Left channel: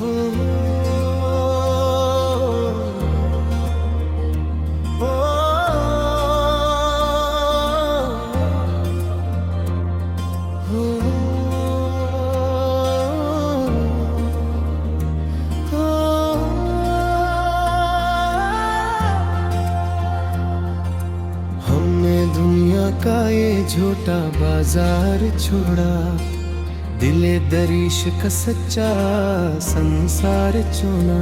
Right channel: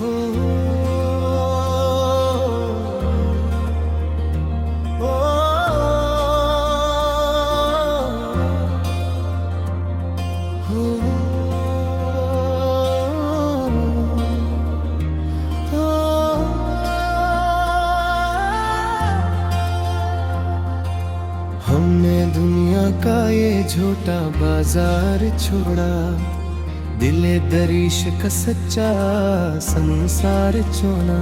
हो, हो, हो, हो। हमने दुनिया का ये झूठा बाजार छोड़ा, दिले दरीश का सच्चा संसार चुना।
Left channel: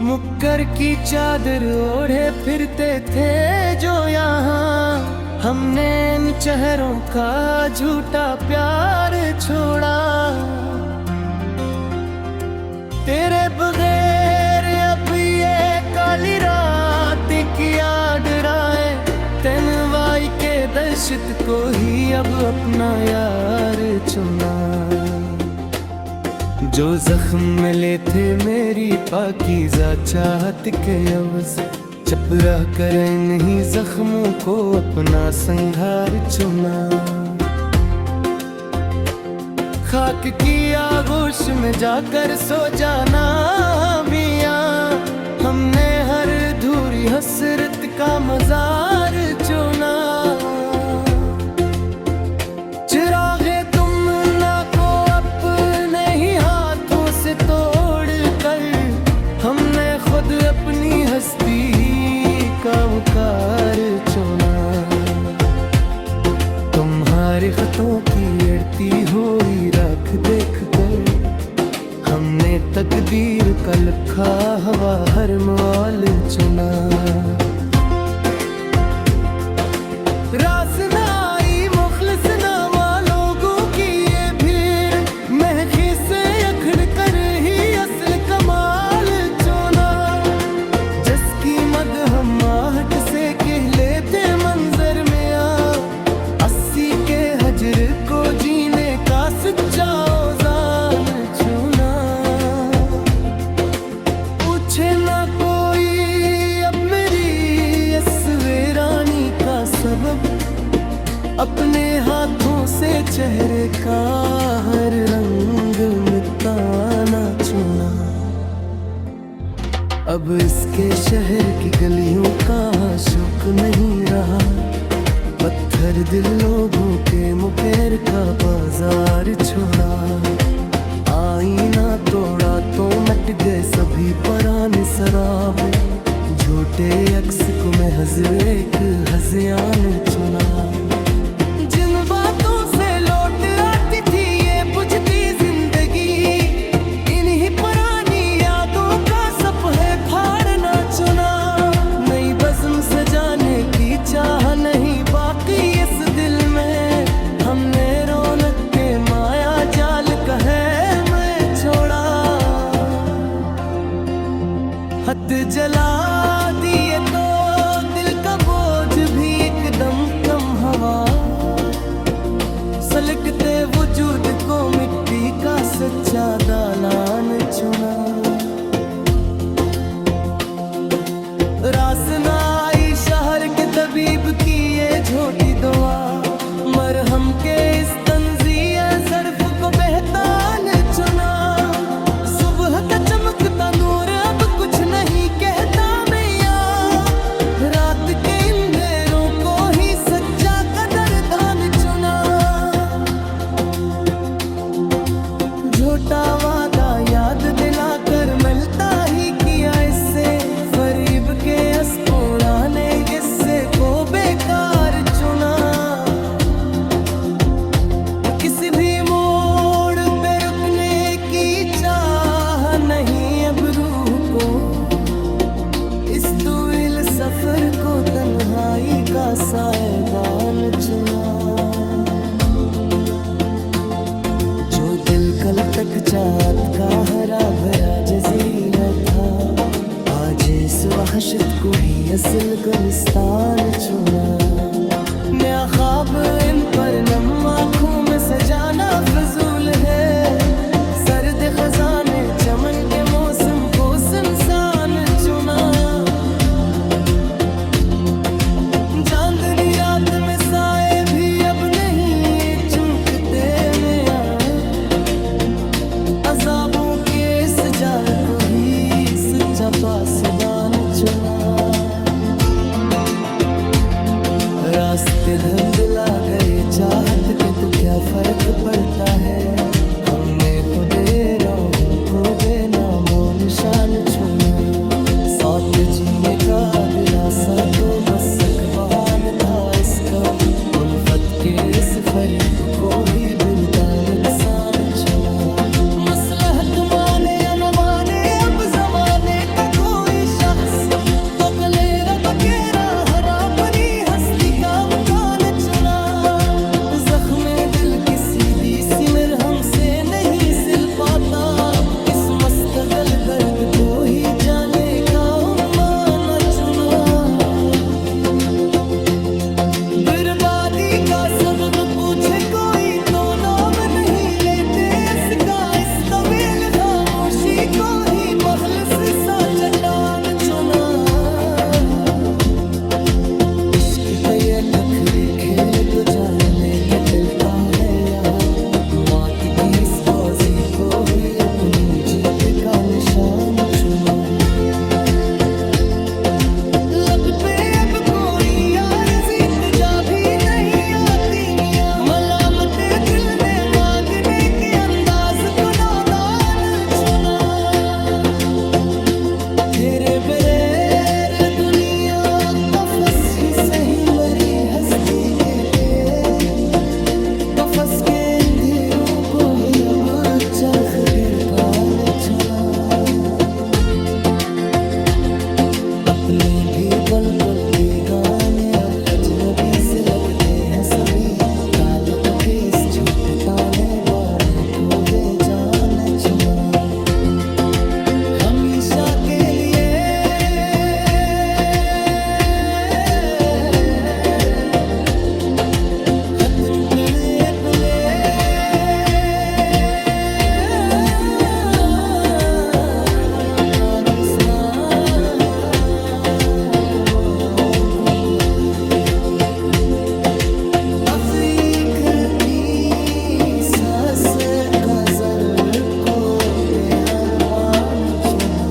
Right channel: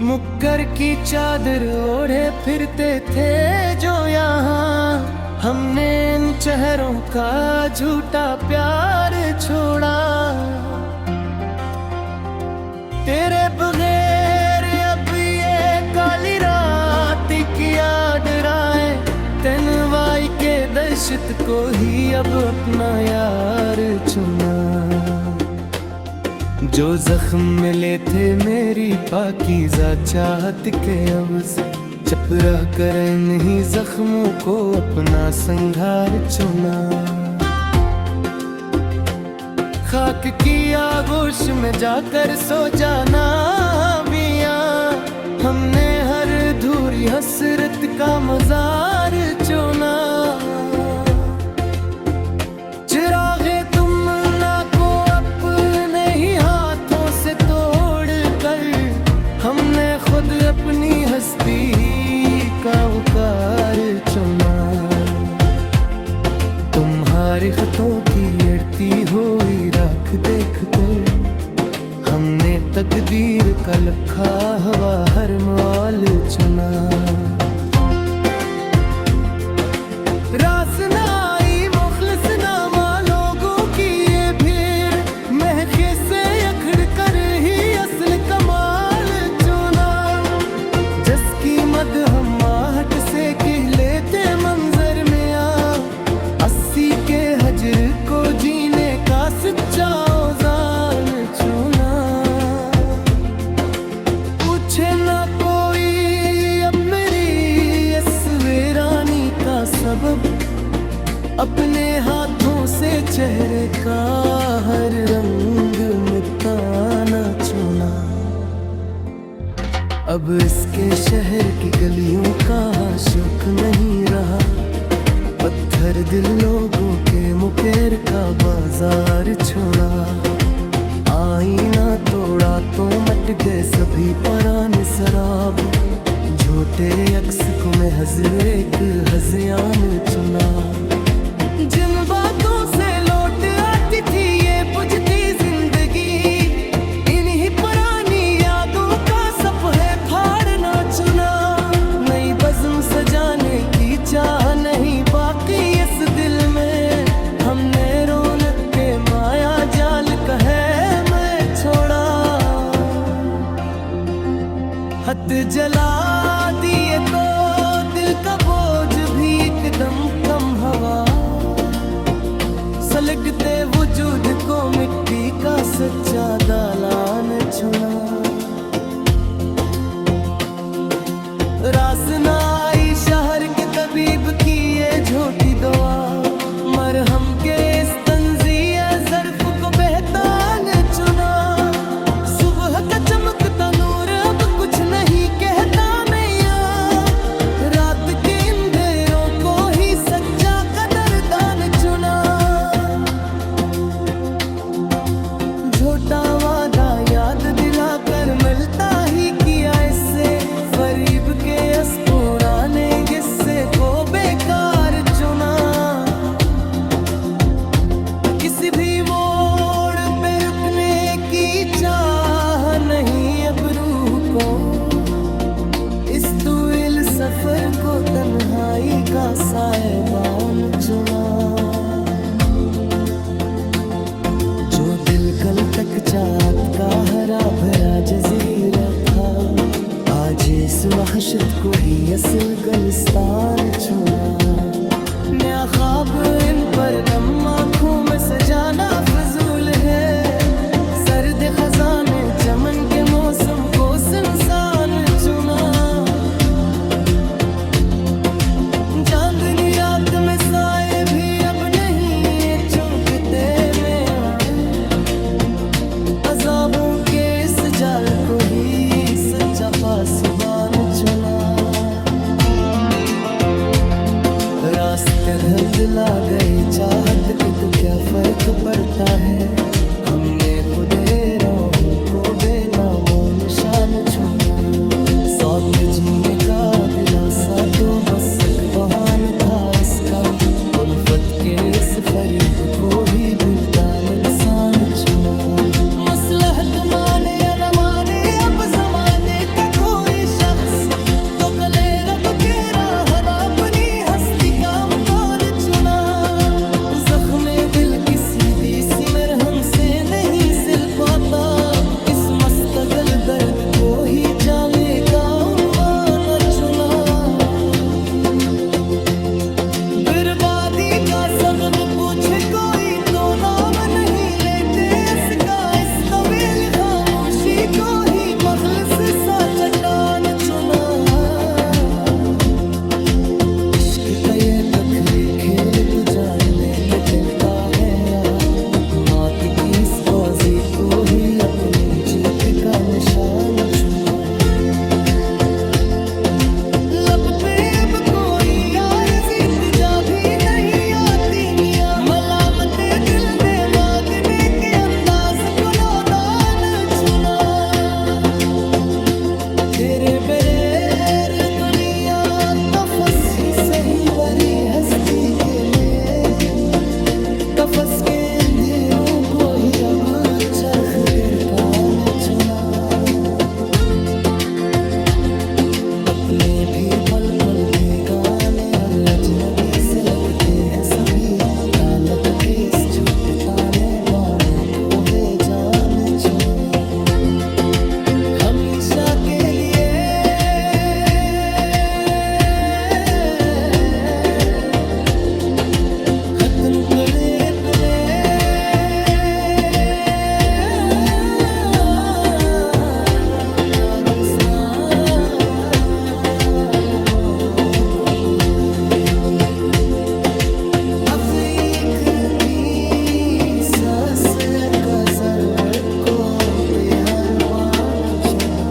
मुक्कर की चादर ओढ़े फिरते थे जो यहाँ, हमने इन चेहरों का झूठा प्यार छोड़ा। तेरे बगैर अब ये काली रात क्या डराए, तन्वाई के दहशत को ही अब अपना यार चुना। जो जख्म मिले थे मेरी पाकीज़ा चाहत के अवज़, चपरा कर इन्हीं जख्मों को अपना संघार चुना। खाक की आगोश में जाकर सो जाना मियां, हमने हर धूरी हसरत का मजार चुना। चिरागे तुमना को अपने ही हाथों से तोड़ कर, हमने खुद अपनी हस्ती का वकार चुना। तुम्हारे खतों की अड़ती हुई राख देख कर, हमने तकदीर का लखा हवा हर मौल चुना। रास ना आई मुखलिस नामा लोगों की ये भीड़, महके से अखड़ कर ही असल कमाल चुना। जिसकी मद हम आहट से कह लेते मंजर में आ, 80 के हजर को जीने का सच्चा औज़ान चुना। पूछे ना कोई अब मेरी इस वीरानी का सबब, अपने हाथों से चेहरे का हर रंग मिटाना चुना। अब इसके शहर की गलियों का शुक नहीं रहा, पत्थर दिल लोगों के मुकेर का बाजार छोड़ा। आईना तोड़ा तो मट गए सभी पराने शराब, झूठे अक्स को महज एक हज़ियान चुना। जिन बातों से लौट आती थी ये बुझती जिंदगी, इन्हीं पुरानी यादों का सफ़े फाड़ना चुना। नई बज़्म सजाने की चाह नहीं बाकी इस दिल में, हमने रौनक के माया जाल का है मैं छोड़ा। हथ जला दिए तो दिल का बोझ भी एकदम कम हवा, सलगते वजूद को मिट्टी का सच्चा दालान चुना। रास ना आई शहर के तबीब की ये झूठी दुआ, मरहम के इस तंज़िया ज़र्फ़ को बेहतान चुना। सुबह का चमकता नूर अब कुछ नहीं कहता मैया, रात के अंधेरों को ही सच्चा कदरदान चुना। झूठा वादा याद दिलाकर मिलता ही किया इससे, फरीब के इस पुराने किस्से को बेकार चुना। किसी भी मोड़ पे रुकने की चाह नहीं अब रूह को, इस तवील सफर को तन्हाई का साहिबान चुना। जो दिल कल तक चाहत का हरा भरा जजीरा था, आज इस वहशत को ही असल गुलिस्तान चुना। नया ख्वाब इन पर नम आँखों में सजाना फजूल है, सर्द खजाने चमन के मौसम को सुनसान चुना। चांदनी रात में साए भी अब नहीं चुंकते में जाल को ही सच्चा पासवान चुना। रास्ते धुंधला गए चाहत के तो क्या फर्क पड़ता है। हमने खुदे राहों को बेनामो निशान छोड़ा। साथ जीने का दिलासा तो बस एक बहाना था इसका। उल्फत के इस फरीब को ही बिरदा नुकसान चुना। मसलहत माने या न माने अब जमाने का कोई शख्स, तो कले रब के राह अपनी हस्ती का मकान चुना। जख्मे दिल किसी दी सिमर हमसे नहीं सिल पाता। अब किस मस्तगल दर्द को ही जाने का उम्मान चुना। बर्बादी का सबब पूछे कोई तो नाम नहीं लेते इसका। इस तवील खामोशी को ही मखलिस सा चट्टान चुना। इश्क का ये कथरी खेल तो जान लेके टलता है यहाँ। मौत की इस बाजी को ही अपनी जीत का निशान चुना। लब पे अब कोई यार जीत जा भी नहीं आती मियां। मलामते दिल ने मांगने के अंदाज को नादान चुना। तेरे बगैर दुनिया तफस ही सही मरी हस्ती के लिए। कफस के अंधेरों को ही अब चरख गिरकान चुना। अपने भी पल पल बेगाने और अजनबी से लगते हैं सभी। तालक के इस झूठ ताने बाने को बेजान चुना। हमेशा के लिए खत्म करे सांस का ज़र को बेहरबान चुना।